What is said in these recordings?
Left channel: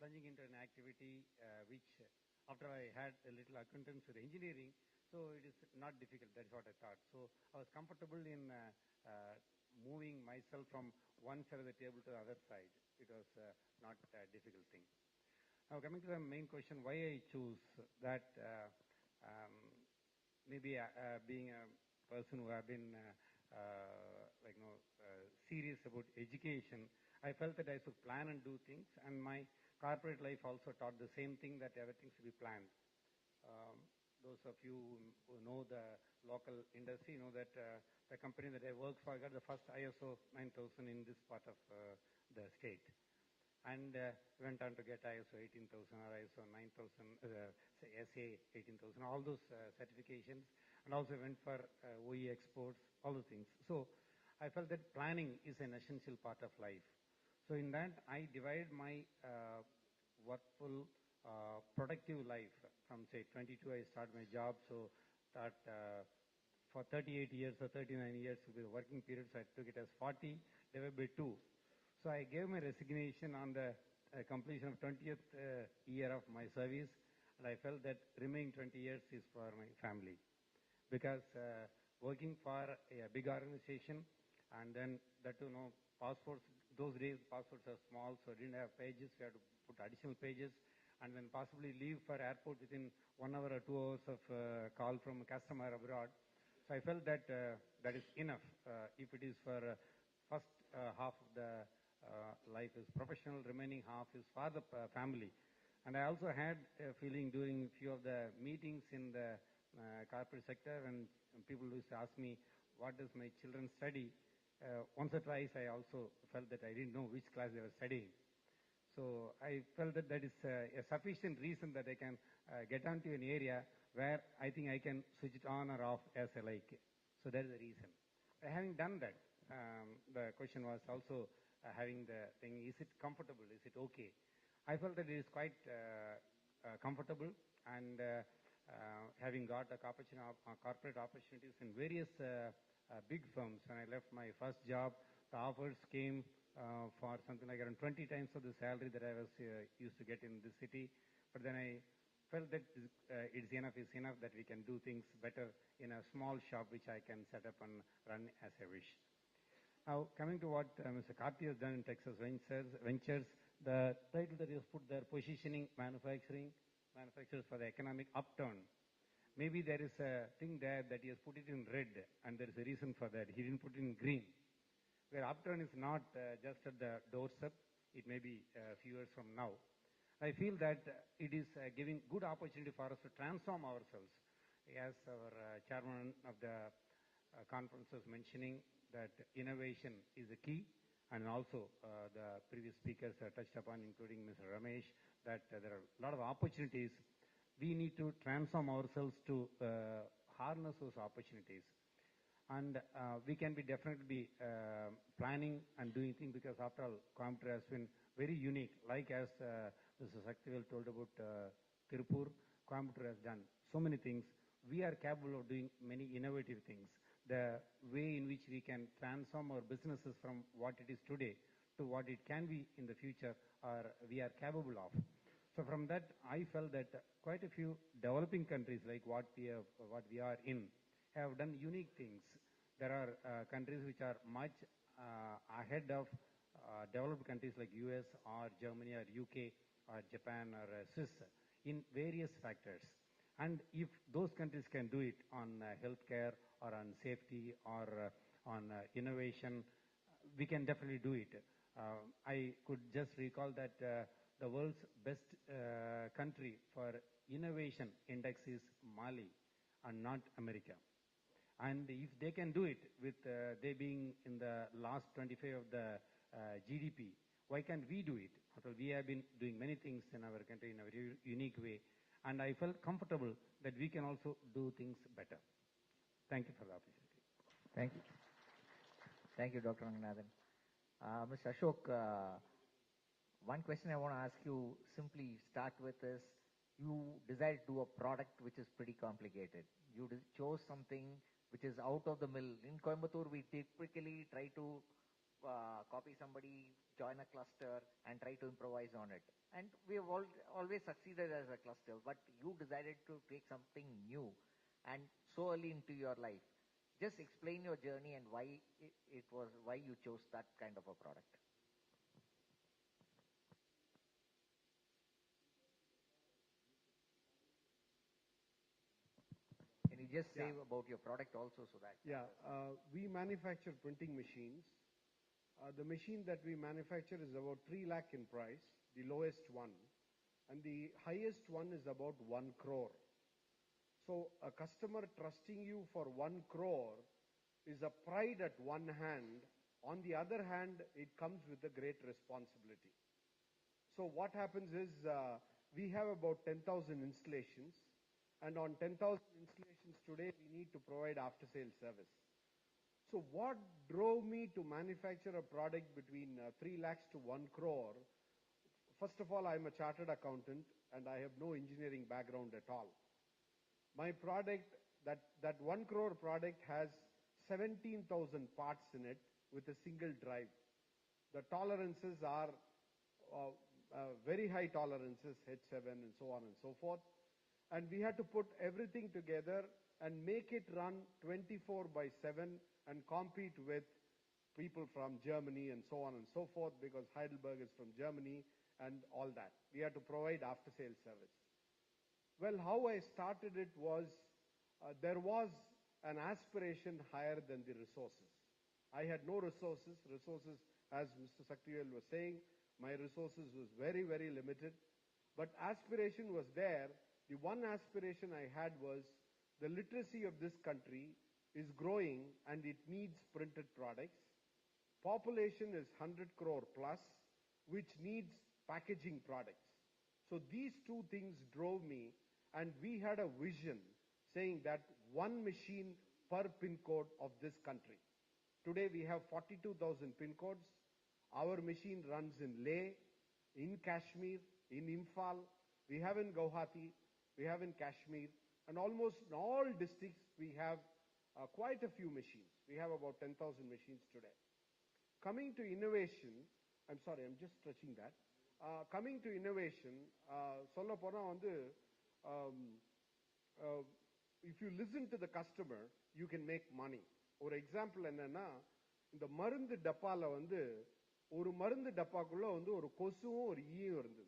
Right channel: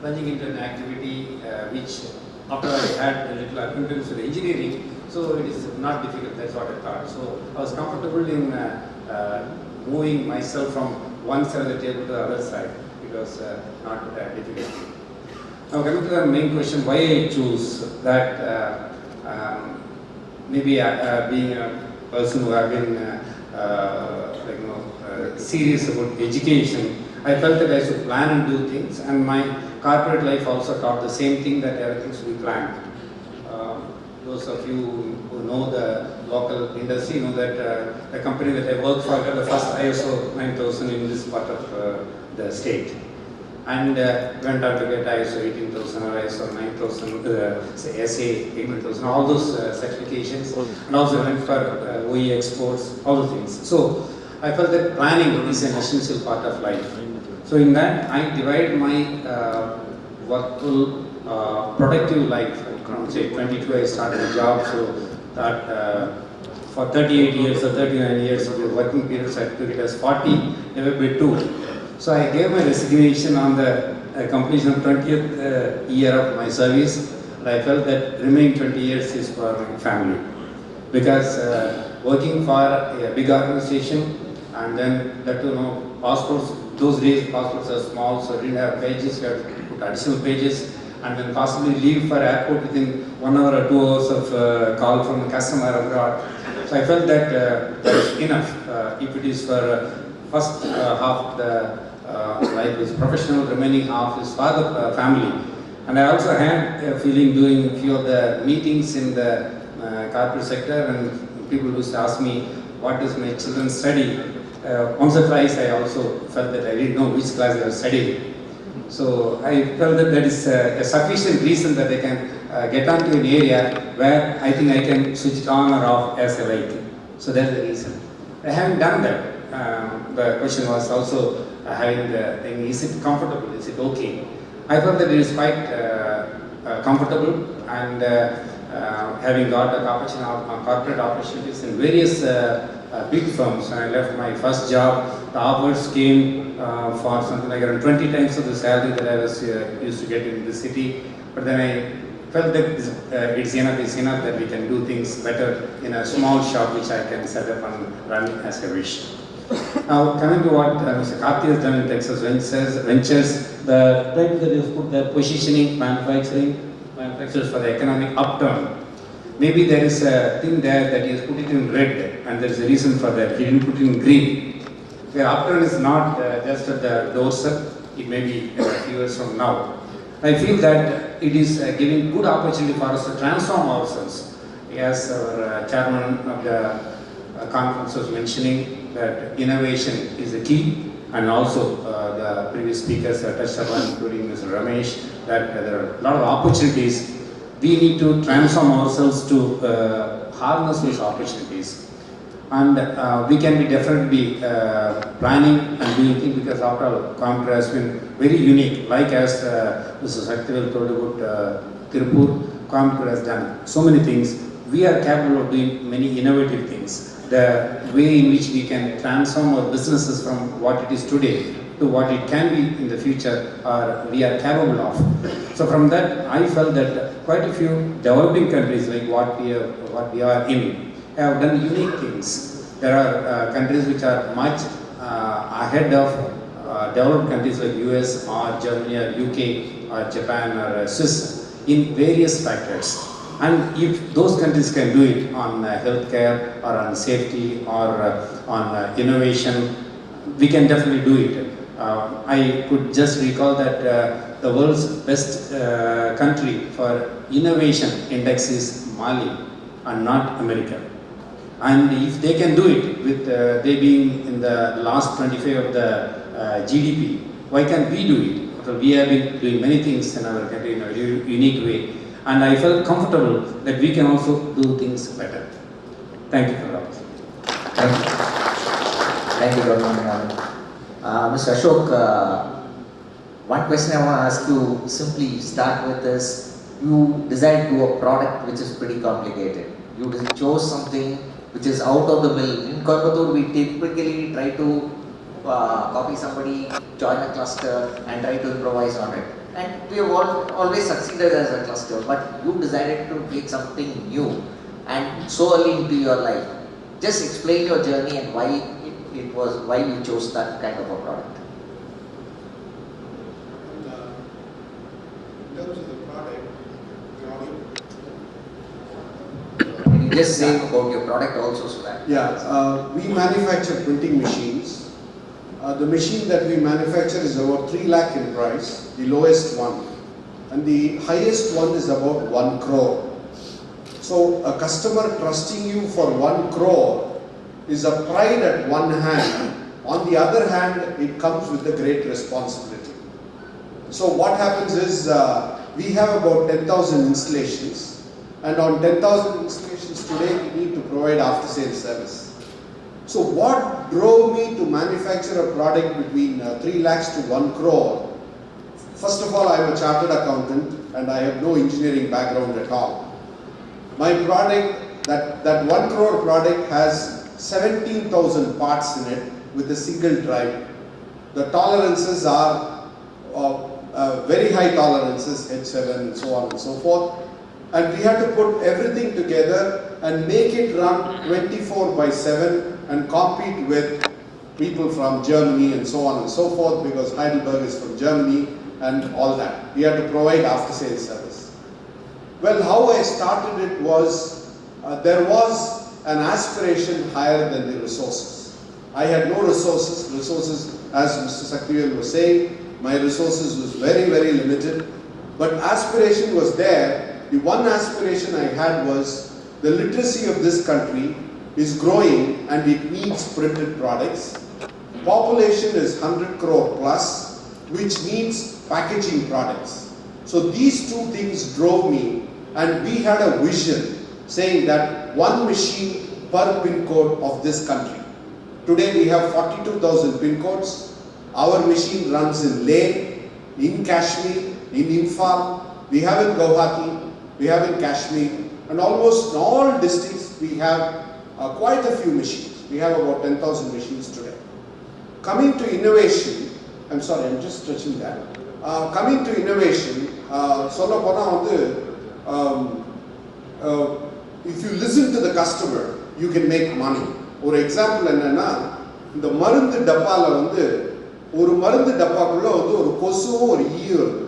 plunging into an activity which, after I had a little acquaintance with engineering, so it is not difficult. That's what I thought. So I was comfortable in moving myself from one side of the table to the other side. It was not difficult. Now coming to the main question, why I choose that. Maybe being a person who have been serious about education, I felt that I should plan and do things, and my corporate life also taught the same thing, that everything should be planned. Those of you who know the local industry know that the company that I work for got the first ISO 9000 in this part of the state, and went on to get ISO 18000 or ISO 9000, SA 18000, all those certifications, and also went for OE exports, all the things. So I felt that planning is an essential part of life. So in that, I divide my workful, productive life. From say 22, I started a job, so that for 38 years or 39 years of the working periods, I took it as 40, never by 2. So I gave my resignation on the completion of 20th year of my service, and I felt that remaining 20 years is for my family. Because working for a big organization, and then that passports, those days passports are small, so I didn't have pages, you had to put additional pages, and then possibly leave for airport within 1 hour or 2 hours of call from the customer abroad. So I felt that that is enough. If it is for first half of the life is professional, remaining half is for the family. And I also had a feeling doing a few of the meetings in the corporate sector, and people used to ask me, what does my children study? Once or twice I also felt that I didn't know which class they were studying. So I felt that that is a sufficient reason that I can get onto an area where I think I can switch it on or off as I like. So that's the reason. I haven't done that. The question was also having the thing, is it comfortable, is it okay? I felt that it is quite comfortable, and having got corporate opportunities in various big firms. When I left my first job, the offers came for something like around 20 times of the salary that I was used to get in the city. But then I felt that it's enough that we can do things better in a small shop which I can set up and run as I wish. Now, coming to what Mr. Karthi has done in Texas Ventures, the title that he has put there, positioning manufacturers for the economic upturn. Maybe there is a thing there that he has put it in red, and there is a reason for that. He didn't put it in green. The upturn is not just at the doorstep, it may be a few years from now. I feel that it is giving good opportunity for us to transform ourselves. As our chairman of the conference was mentioning, that innovation is the key, and also the previous speakers touched upon, including Mr. Ramesh, that there are a lot of opportunities. We need to transform ourselves to harness these opportunities. And we can be definitely planning and doing things, because after all, Coimbatore has been very unique. Like as Mr. Saktivel told about Tirupur, Coimbatore has done so many things. We are capable of doing many innovative things. The way in which we can transform our businesses from what it is today to what it can be in the future, we are capable of. So from that, I felt that quite a few developing countries like what we are in have done unique things. There are countries which are much ahead of developed countries like US or Germany or UK or Japan or Swiss in various factors. And if those countries can do it on healthcare or on safety or on innovation, we can definitely do it. I could just recall that the world's best country for innovation index is Mali and not America. And if they can do it with they being in the last 25 of the GDP, why can't we do it? So we have been doing many things in our country in a unique way. And I felt comfortable that we can also do things better. Thank you for that. Thank you. Thank you, Dr. Mr. Ashok, one question I want to ask you, simply start with is, you decided to do a product which is pretty complicated. You chose something which is out of the mill. In Coimbatore, we typically try to copy somebody, join a cluster and try to improvise on it. And we have always succeeded as a cluster, but you decided to take something new and so early into your life. Just explain your journey and why why you chose that kind of a product. In terms of the product, Can you just say about your product also so that? we manufacture printing machines. The machine that we manufacture is about 3 lakh in price, the lowest one. And the highest one is about 1 crore. So a customer trusting you for 1 crore is a pride at one hand. On the other hand, it comes with a great responsibility. So what happens is, we have about 10,000 installations. And on 10,000 installations today, we need to provide after-sales service. So what drove me to manufacture a product between 3 lakhs to 1 crore? First of all, I am a chartered accountant and I have no engineering background at all. My product, that 1 crore product has 17,000 parts in it with a single drive. The tolerances are very high tolerances, H7 and so on and so forth. And we had to put everything together and make it run 24/7 and compete with people from Germany and so on and so forth, because Heidelberg is from Germany and all that. We had to provide after-sales service. Well, how I started it was, there was an aspiration higher than the resources. I had no resources. As Mr. Sakrivel was saying, my resources was very, very limited. But aspiration was there. The one aspiration I had was the literacy of this country is growing and it needs printed products. Population is 100 crore plus, which needs packaging products. So these two things drove me, and we had a vision saying that one machine per pin code of this country. Today we have 42,000 pin codes. Our machine runs in Leh, in Kashmir, in Imphal, we have in Guwahati, we have in Kashmir, and almost in all districts we have quite a few machines. We have about 10,000 machines today. Coming to innovation, I'm sorry, I'm just stretching that. Coming to innovation, if you listen to the customer, you can make money. For example, இந்த மருந்து டப்பால ஒரு மருந்து டப்பாக்குள்ள ஒரு கொசுவும் ஒரு ஈயும் இருக்கு,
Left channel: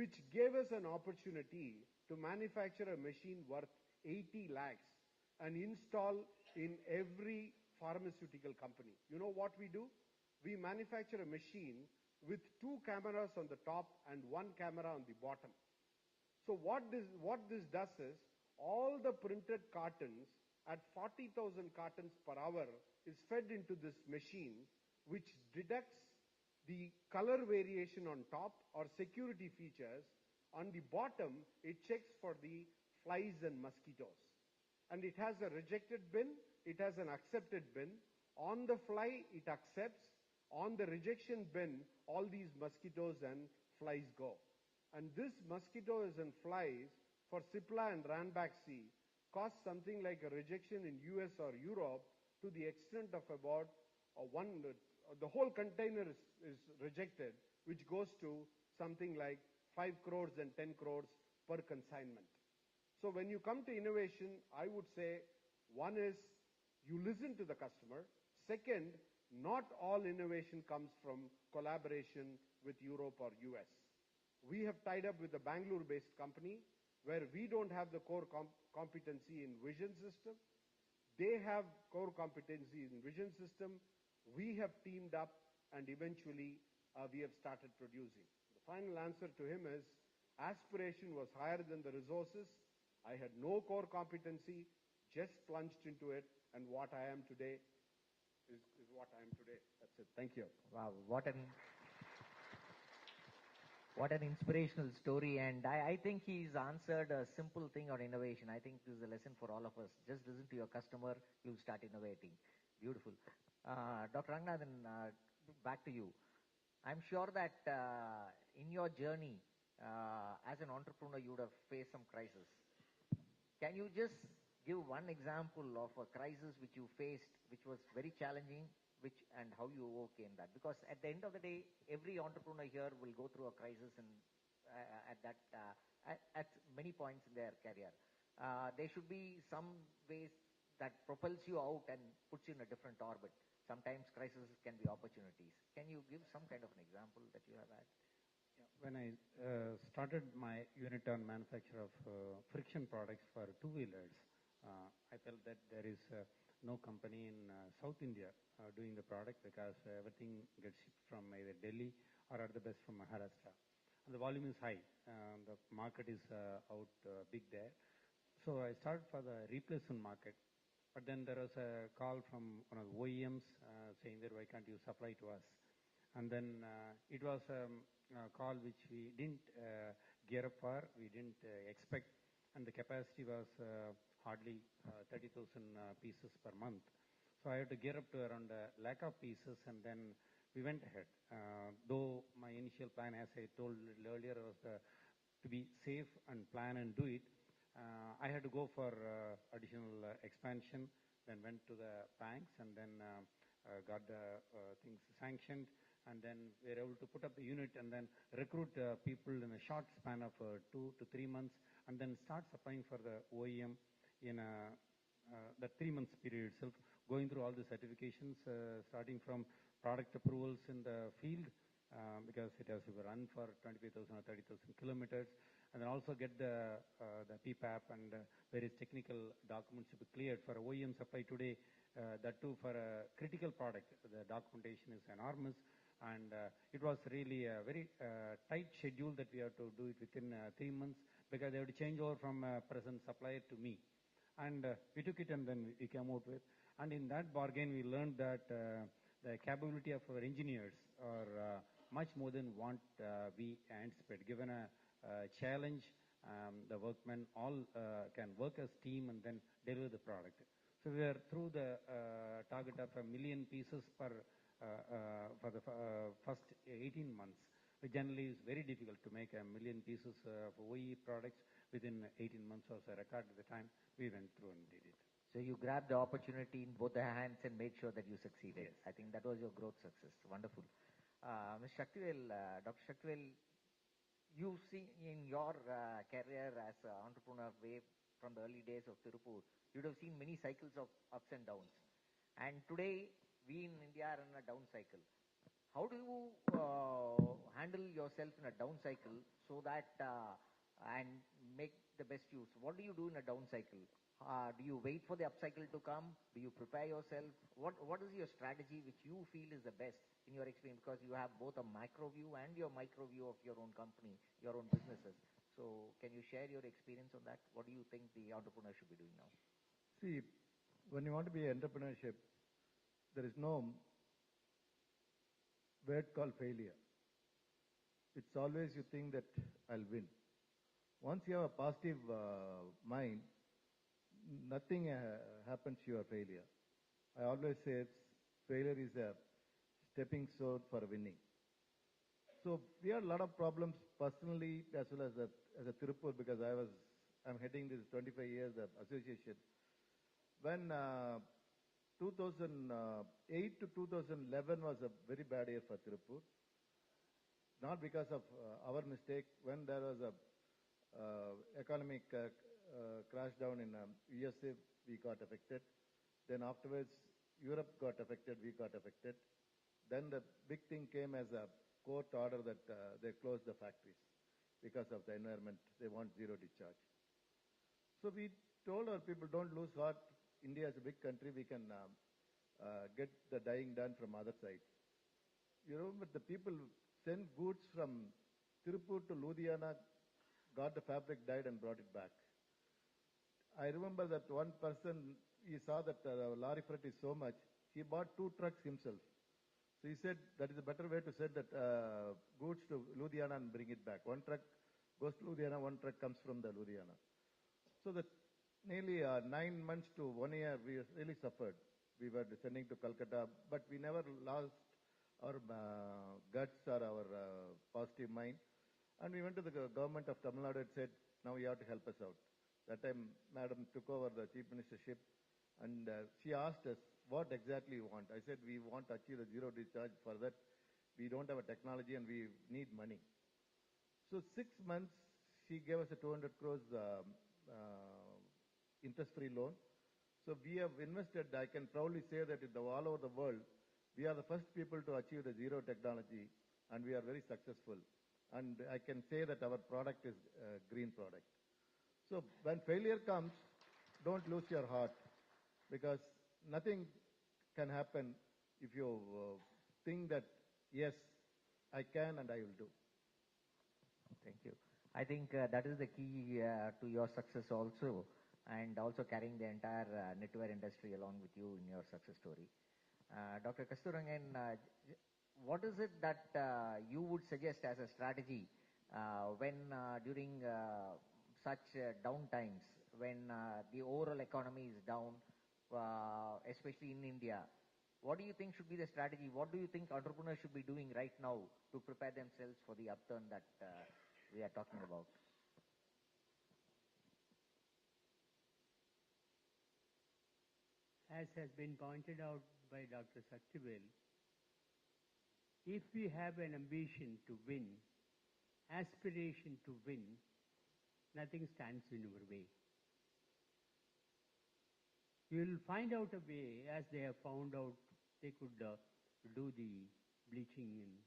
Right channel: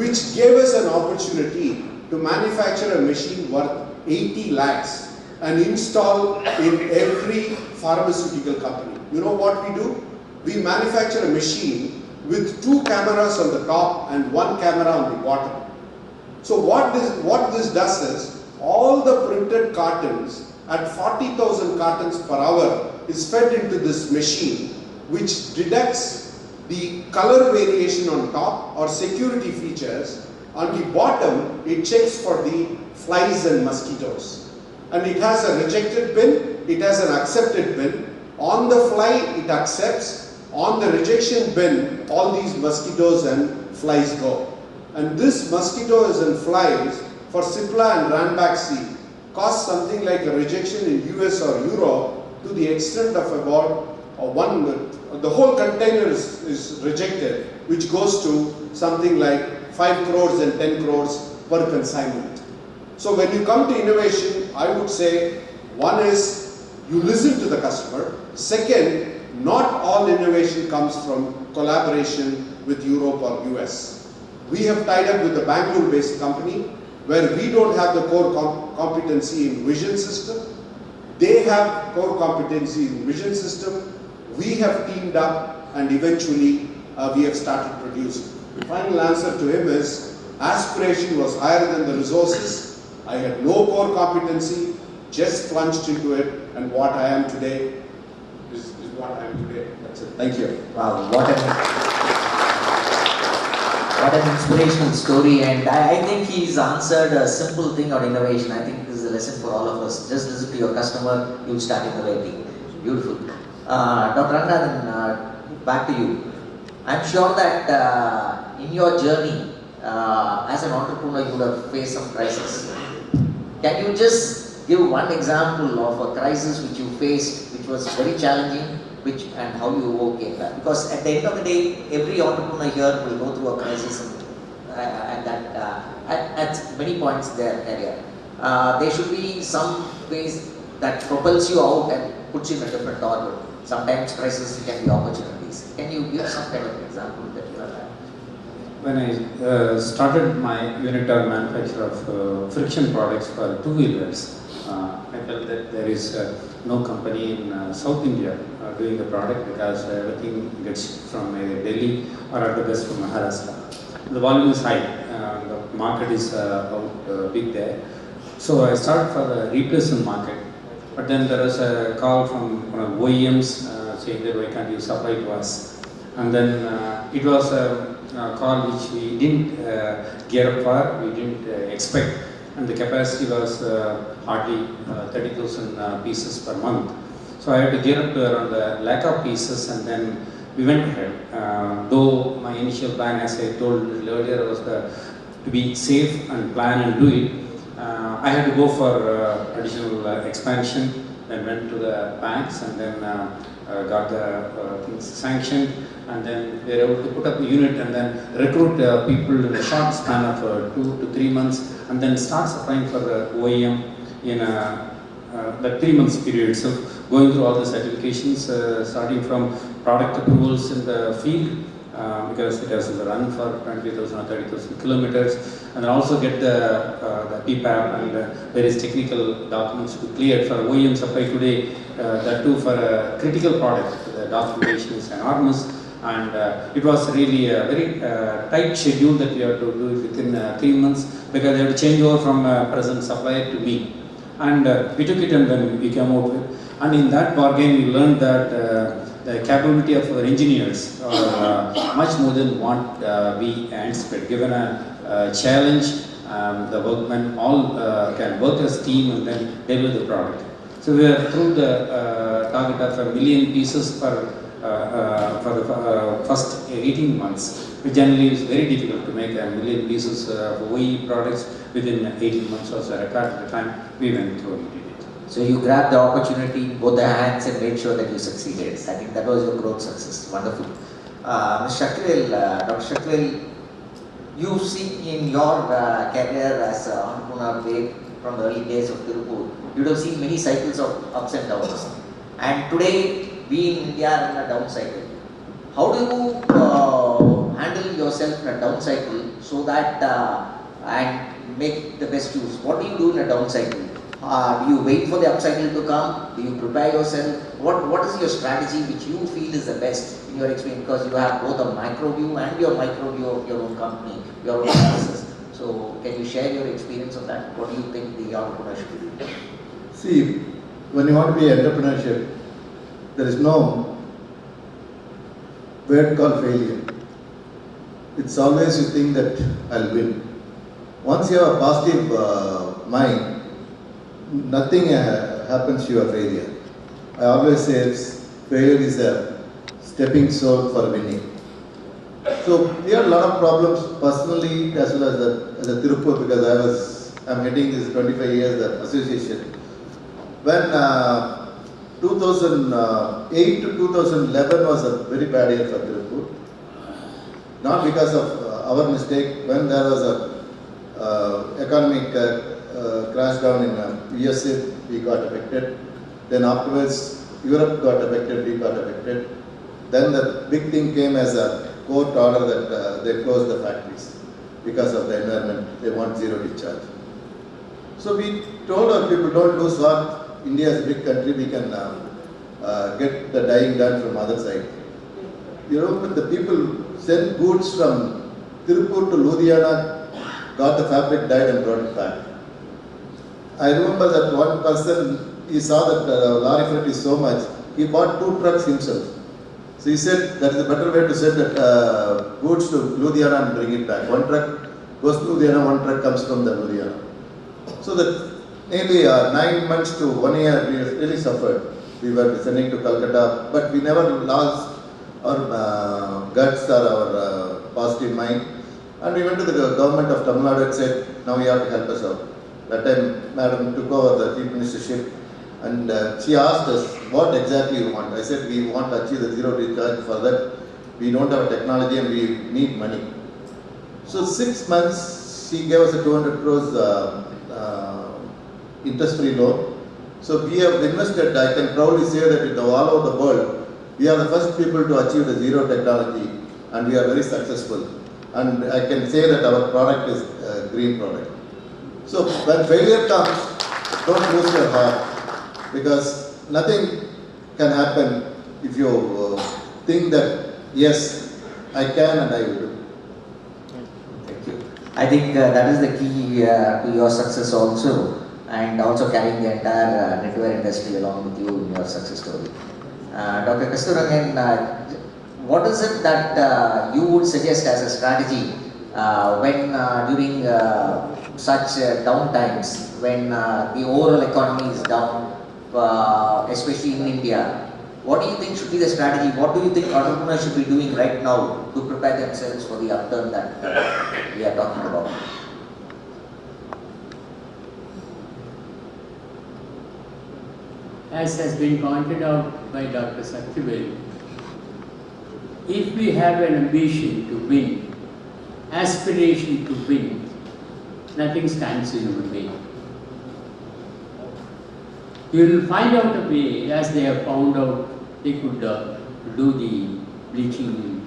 which gave us an opportunity to manufacture a machine worth 80 lakhs and install in every pharmaceutical company. You know what we do? We manufacture a machine with 2 cameras on the top and 1 camera on the bottom. So what this does is, all the printed cartons at 40,000 cartons per hour is fed into this machine, which detects the color variation on top or security features. On the bottom, it checks for the flies and mosquitoes. And it has a rejected bin, it has an accepted bin. On the fly, it accepts. On the rejection bin, all these mosquitoes and flies go. And this mosquitoes and flies for Cipla and Ranbaxy cost something like a rejection in US or Europe to the extent of about the whole container is rejected, which goes to something like 5 crores and 10 crores per consignment. So when you come to innovation, I would say, one is you listen to the customer. Second, not all innovation comes from collaboration with Europe or US. We have tied up with a Bangalore-based company where we don't have the core competency in vision system. They have core competency in vision system. We have teamed up and eventually we have started producing. Final answer to him is, aspiration was higher than the resources. I had no core competency, just plunged into it, and what I am today is what I am today. That's it. Thank you. Wow, what an inspirational story, and I think he's answered a simple thing on innovation. I think this is a lesson for all of us. Just listen to your customer, you'll start innovating. Beautiful. Dr. Ranganathan, back to you. I'm sure that in your journey as an entrepreneur, you would have faced some crisis. Can you just give one example of a crisis which you faced, which was very challenging, which and how you overcame that? Because at the end of the day, every entrepreneur here will go through a crisis and that at many points in their career. There should be some ways that propels you out and puts you in a different orbit. Sometimes crises can be opportunities. Can you give some kind of example that you have had? When I started my unit or manufacture of friction products for two-wheelers, I felt that there is no company in South India doing the product because everything gets from Delhi or at the best from Maharashtra. The volume is high, the market is out big there. So I started for the replacement market, but then there was a call from one of OEMs saying that why can't you supply to us? And then it was a call which we didn't gear up for, we didn't expect, and the capacity was hardly 30,000 pieces per month. So I had to gear up to around a lakh of pieces, and then we went ahead. Though my initial plan, as I told a little earlier, was to be safe and plan and do it. I had to go for additional expansion, then went to the banks and then got the things sanctioned, and then we were able to put up a unit and then recruit people in a short span of 2 to 3 months, and then start supplying for the OEM in the 3 months period itself, going through all the certifications, starting from product approvals in the field, because it has to run for 20,000 or 30,000 kilometers, and then also get the PPAP and various technical documents to be cleared for OEM supply today. That too for a critical product, the documentation is enormous, and it was really a very tight schedule that we have to do it within 3 months, because they have to change over from present supplier to me. And we took it and then we came out with, and in that bargain we learned that the capability of our engineers are much more than what we anticipate. Given a challenge, the workmen all can work as team and then deliver the product. So we are through the target of 1 million pieces for the first 18 months, which generally is very difficult to make 1 million pieces of OE products within 18 months. Was a record at the time we went through and did it. So you grabbed the opportunity in both the hands and made sure that you succeeded. I think that was your growth success. Wonderful. Ms. Shakil, Dr. Shakil, you've seen in your career as an entrepreneur from the early days of Tirupur, you'd have seen many cycles of ups and downs. And today, we in India are in a down cycle. How do you handle yourself in a down cycle so that and make the best use? What do you do in a down cycle? Do you wait for the up cycle to come? Do you prepare yourself? What is your strategy which you feel is the best in your experience? Because you have both a micro view and your micro view of your own company, your own businesses. So can you share your experience of that? What do you think the entrepreneur should do? See, when you want to be entrepreneurship, there is no word called failure. It's always you think that I'll win. Once you have a positive mind, nothing happens to your failure. I always say failure is a stepping stone for winning. So we had a lot of problems personally as well as a Tirupur, because I'm heading this 25 years association. When 2008 to 2011 was a very bad year for Tirupur. Not because of our mistake. When there was a economic crash down in USA, we got affected. Then afterwards, Europe got affected, we got affected. Then the big thing came as a court order that they closed the factories because of the environment. They want zero discharge. So we told our people, don't lose heart. India is a big country, we can get the dyeing done from other side. You know, but the people sent goods from Tirupur to Ludhiana, got the fabric dyed and brought it back. I remember that one person, he saw that lorry freight is so much, he bought 2 trucks himself. So he said that is a better way to send that goods to Ludhiana and bring it back. 1 truck goes to Ludhiana, 1 truck comes from the Ludhiana. So that nearly 9 months to 1 year we really suffered. We were sending to Calcutta, but we never lost our guts or our positive mind. And we went to the government of Tamil Nadu and said, now you have to help us out. That time, Madam took over the chief ministership, And she asked us, what exactly you want? I said, we want to achieve the zero recharge. For that, we don't have technology and we need money. So 6 months, she gave us a 200 crores interest-free loan. So we have invested, I can proudly say that in all over the world, we are the first people to achieve the zero technology, and we are very successful. And I can say that our product is a green product. So when failure comes, don't lose your heart, because nothing can happen if you think that, yes, I can and I will do. Thank you. I think that is the key to your success also, and also carrying the entire knitwear industry along with you in your success story. Dr. Kasturangan, what is it that you would suggest as a strategy when during such down times, when the overall economy is down, especially in India? What do you think should be the strategy? What do you think entrepreneurs should be doing right now to prepare themselves for the upturn that we are talking about? As has been pointed out by Dr. Satyaveli, if we have an ambition to win, aspiration to win, nothing stands in our way. You will find out a way, as they have found out they could do the bleaching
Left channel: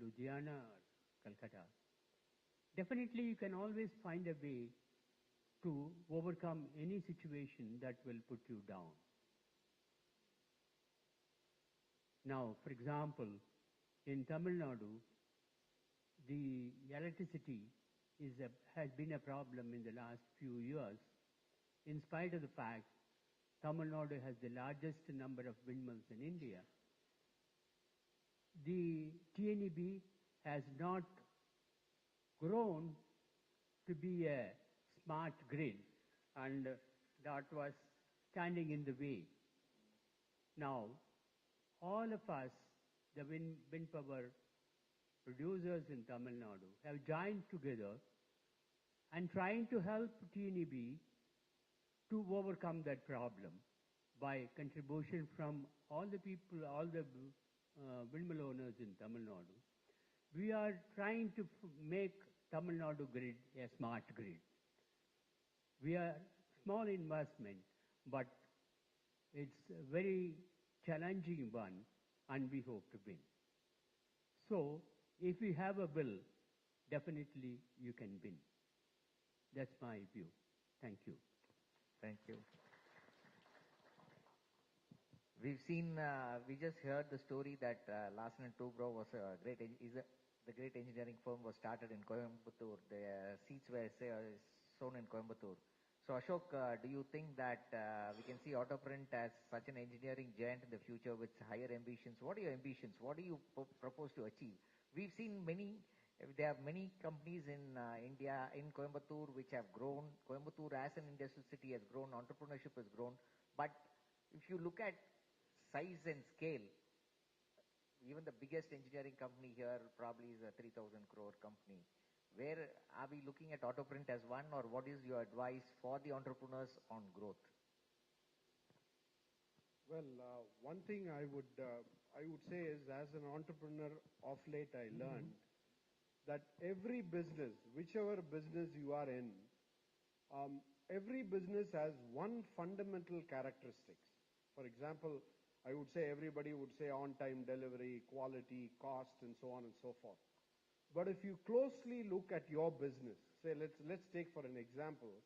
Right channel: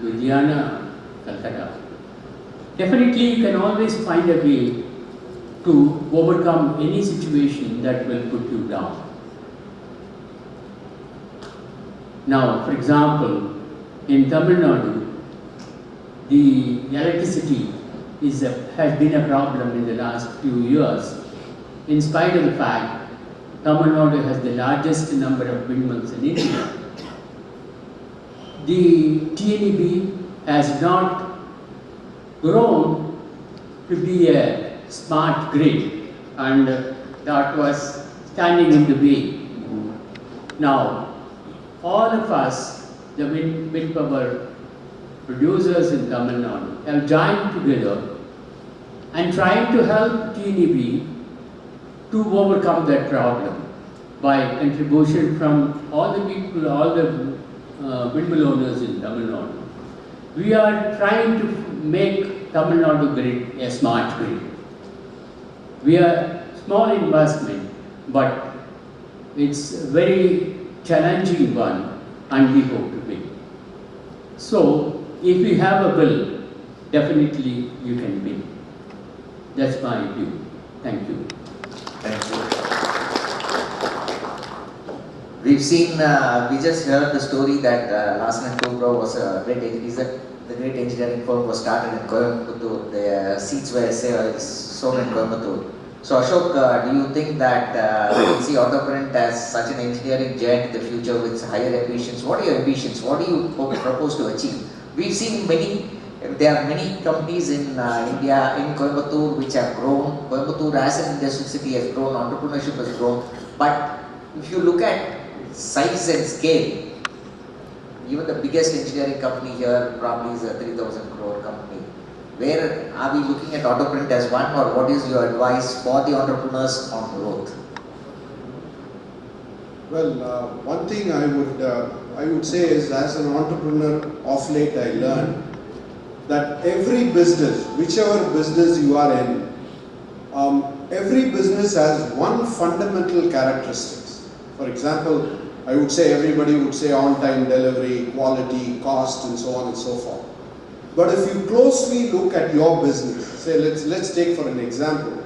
in Ludhiana, Calcutta. Definitely you can always find a way to overcome any situation that will put you down. Now, for example, in Tamil Nadu, the electricity has been a problem in the last few years, in spite of the fact Tamil Nadu has the largest number of windmills in India. The TNEB has not grown to be a smart grid, and that was standing in the way. Now, all of us, the wind power producers in Tamil Nadu, have joined together and trying to help TNEB to overcome that problem by contribution from all the people, all the windmill owners in Tamil Nadu. We are trying to make Tamil Nadu grid a smart grid. We are small investment, but it's a very challenging one, and we hope to win. So, if you have a will, definitely you can win. That's my view. Thank you. Thank you. We've seen, we just heard the story that Larsen & Toubro was a great engineering firm was started in Coimbatore. The seats were sold in Coimbatore. So Ashok, do you think that we can see Autoprint as such an engineering giant in the future with higher ambitions? What are your ambitions? What do you propose to achieve? We've seen there are many companies in India, in Coimbatore, which have grown. Coimbatore as an industrial city has grown, entrepreneurship has grown. But if you look at size and scale, even the biggest engineering company here probably is a 3,000 crore company. Where are we looking at Autoprint as one, or what is your advice for the entrepreneurs on growth? Well, one thing I would say is, as an entrepreneur of late, I learned that every business, whichever business you are in, every business has one fundamental characteristics. For example, I would say everybody would say on-time delivery, quality, cost, and so on and so forth. But if you closely look at your business, say let's take for an example,